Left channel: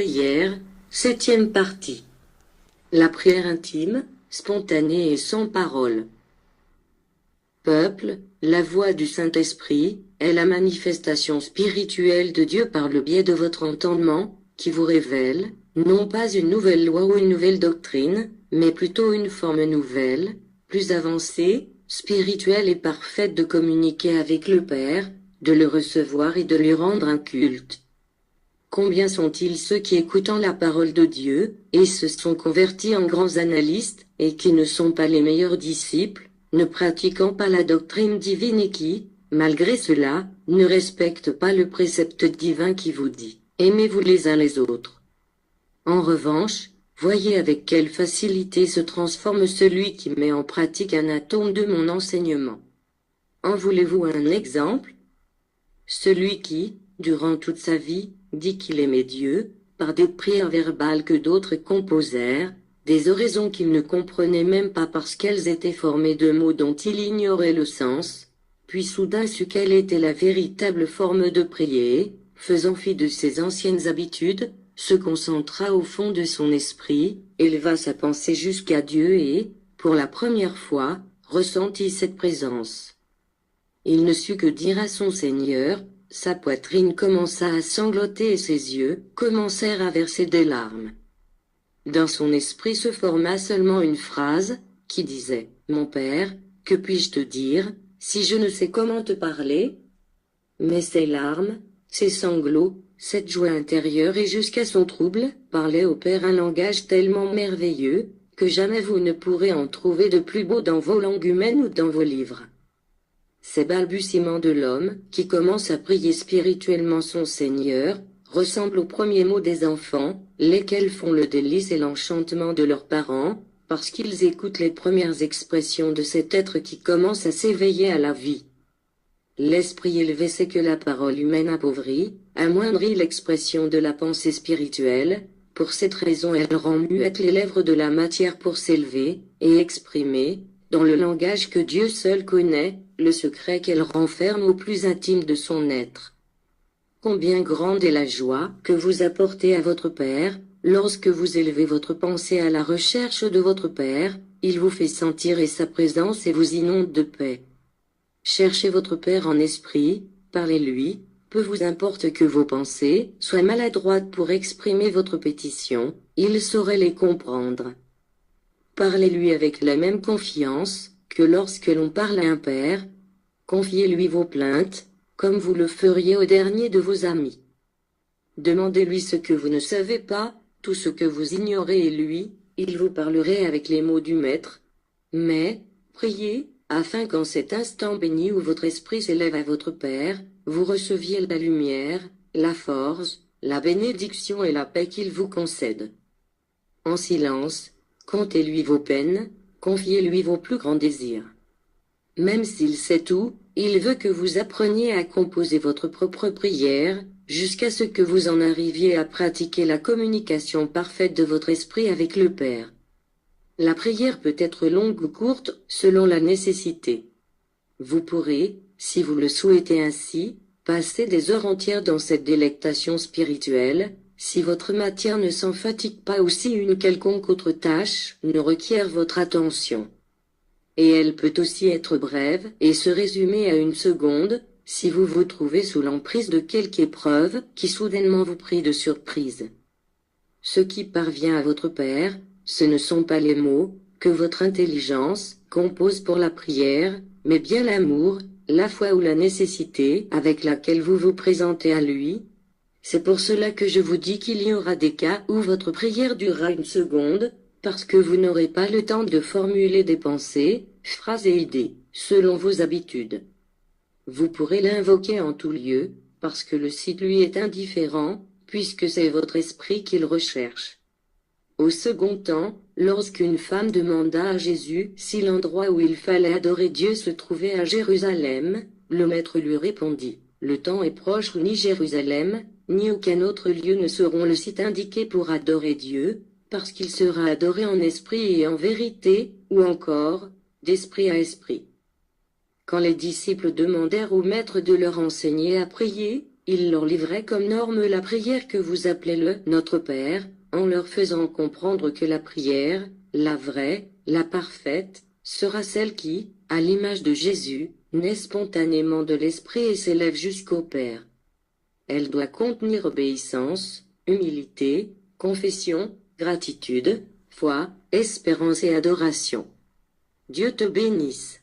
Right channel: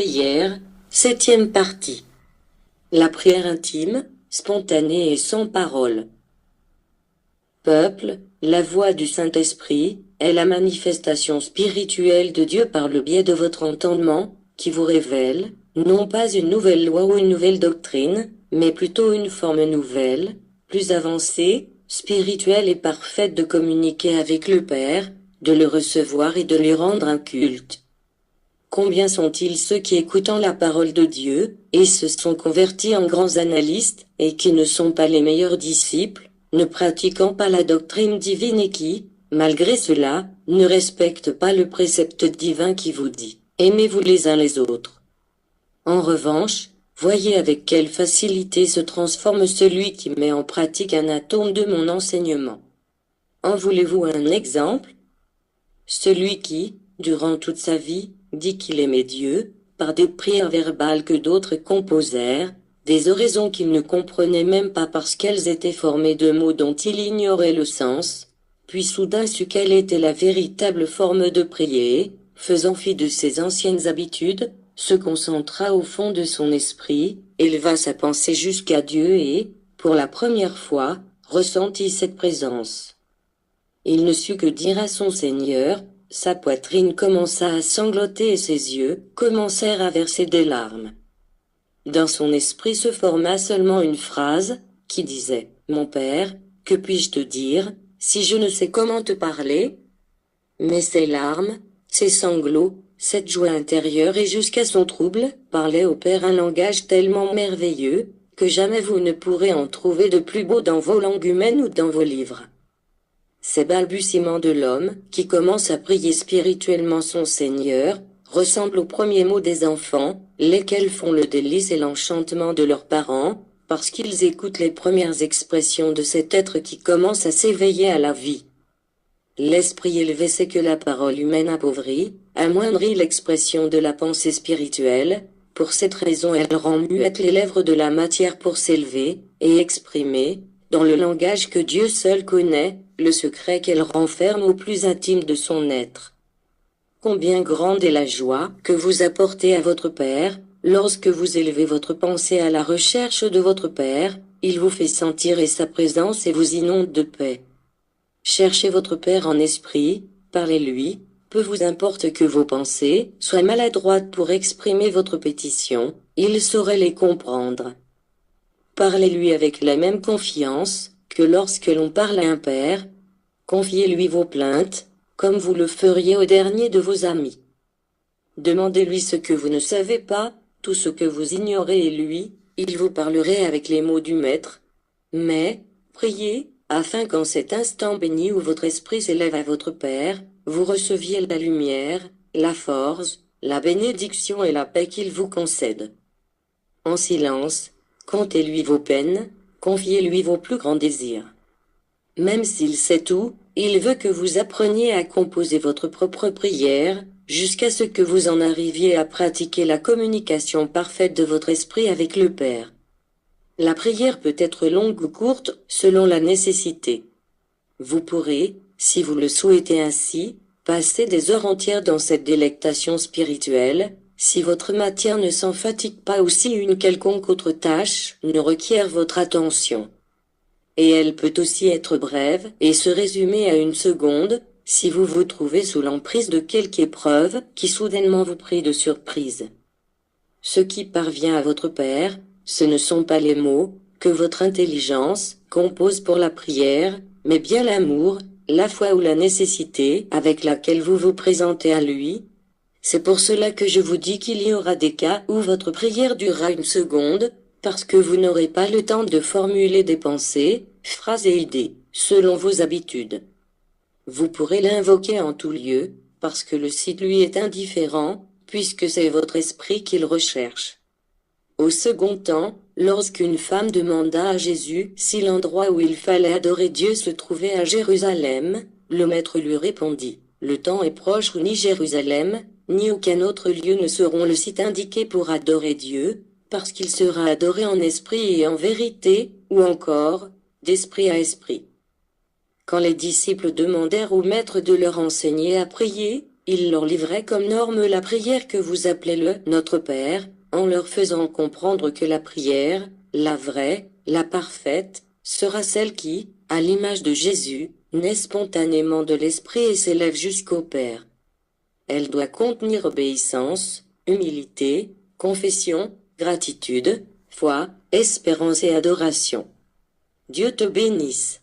prière, 7e partie. La prière intime, spontanée et sans parole. Peuple, la voix du Saint-Esprit est la manifestation spirituelle de Dieu par le biais de votre entendement, qui vous révèle, non pas une nouvelle loi ou une nouvelle doctrine, mais plutôt une forme nouvelle, plus avancée, spirituelle et parfaite de communiquer avec le Père, de le recevoir et de lui rendre un culte. Combien sont-ils ceux qui, écoutant la parole de Dieu, et se sont convertis en grands analystes, et qui ne sont pas les meilleurs disciples, ne pratiquant pas la doctrine divine et qui, malgré cela, ne respectent pas le précepte divin qui vous dit « Aimez-vous les uns les autres ». En revanche, voyez avec quelle facilité se transforme celui qui met en pratique un atome de mon enseignement. En voulez-vous un exemple? Celui qui, durant toute sa vie, dit qu'il aimait Dieu, par des prières verbales que d'autres composèrent, des oraisons qu'il ne comprenait même pas parce qu'elles étaient formées de mots dont il ignorait le sens, puis soudain sut quelle était la véritable forme de prier, faisant fi de ses anciennes habitudes, se concentra au fond de son esprit, éleva sa pensée jusqu'à Dieu et, pour la première fois, ressentit cette présence. Il ne sut que dire à son Seigneur, sa poitrine commença à sangloter et ses yeux commencèrent à verser des larmes. Dans son esprit se forma seulement une phrase, qui disait « Mon Père, que puis-je te dire, si je ne sais comment te parler ?» Mais ces larmes, ces sanglots, cette joie intérieure et jusqu'à son trouble, parlaient au Père un langage tellement merveilleux, que jamais vous ne pourrez en trouver de plus beau dans vos langues humaines ou dans vos livres. Ces balbutiements de l'homme, qui commence à prier spirituellement son Seigneur, ressemblent aux premiers mots des enfants, lesquels font le délice et l'enchantement de leurs parents, parce qu'ils écoutent les premières expressions de cet être qui commence à s'éveiller à la vie. L'esprit élevé sait que la parole humaine appauvrit, amoindrit l'expression de la pensée spirituelle, pour cette raison elle rend muettes les lèvres de la matière pour s'élever, et exprimer, dans le langage que Dieu seul connaît, le secret qu'elle renferme au plus intime de son être. Combien grande est la joie que vous apportez à votre Père, lorsque vous élevez votre pensée à la recherche de votre Père, il vous fait sentir sa présence et vous inonde de paix. Cherchez votre Père en esprit, parlez-lui, peu vous importe que vos pensées soient maladroites pour exprimer votre pétition, il saurait les comprendre. Parlez-lui avec la même confiance que lorsque l'on parle à un père, confiez-lui vos plaintes, comme vous le feriez au dernier de vos amis. Demandez-lui ce que vous ne savez pas, tout ce que vous ignorez et lui, il vous parlerait avec les mots du Maître. Mais, priez, afin qu'en cet instant béni où votre esprit s'élève à votre Père, vous receviez la lumière, la force, la bénédiction et la paix qu'il vous concède. En silence, contez-lui vos peines, confiez-lui vos plus grands désirs. Même s'il sait tout, il veut que vous appreniez à composer votre propre prière, jusqu'à ce que vous en arriviez à pratiquer la communication parfaite de votre esprit avec le Père. La prière peut être longue ou courte, selon la nécessité. Vous pourrez, si vous le souhaitez ainsi, passer des heures entières dans cette délectation spirituelle, si votre matière ne s'en fatigue pas ou si une quelconque autre tâche ne requiert votre attention. Et elle peut aussi être brève et se résumer à une seconde, si vous vous trouvez sous l'emprise de quelque épreuve qui soudainement vous prie de surprise. Ce qui parvient à votre Père, ce ne sont pas les mots que votre intelligence compose pour la prière, mais bien l'amour, la foi ou la nécessité avec laquelle vous vous présentez à lui. C'est pour cela que je vous dis qu'il y aura des cas où votre prière durera une seconde, parce que vous n'aurez pas le temps de formuler des pensées, phrases et idées, selon vos habitudes. Vous pourrez l'invoquer en tout lieu, parce que le site lui est indifférent, puisque c'est votre esprit qu'il recherche. Au second temps, lorsqu'une femme demanda à Jésus si l'endroit où il fallait adorer Dieu se trouvait à Jérusalem, le Maître lui répondit, « Le temps est proche où ni Jérusalem, ni aucun autre lieu ne seront le site indiqué pour adorer Dieu, parce qu'il sera adoré en esprit et en vérité, ou encore, d'esprit à esprit. » Quand les disciples demandèrent au Maître de leur enseigner à prier, Il leur livrait comme norme la prière que vous appelez le Notre Père, en leur faisant comprendre que la prière, la vraie, la parfaite, sera celle qui, à l'image de Jésus, naît spontanément de l'Esprit et s'élève jusqu'au Père. Elle doit contenir obéissance, humilité, confession, gratitude, foi, espérance et adoration. Dieu te bénisse.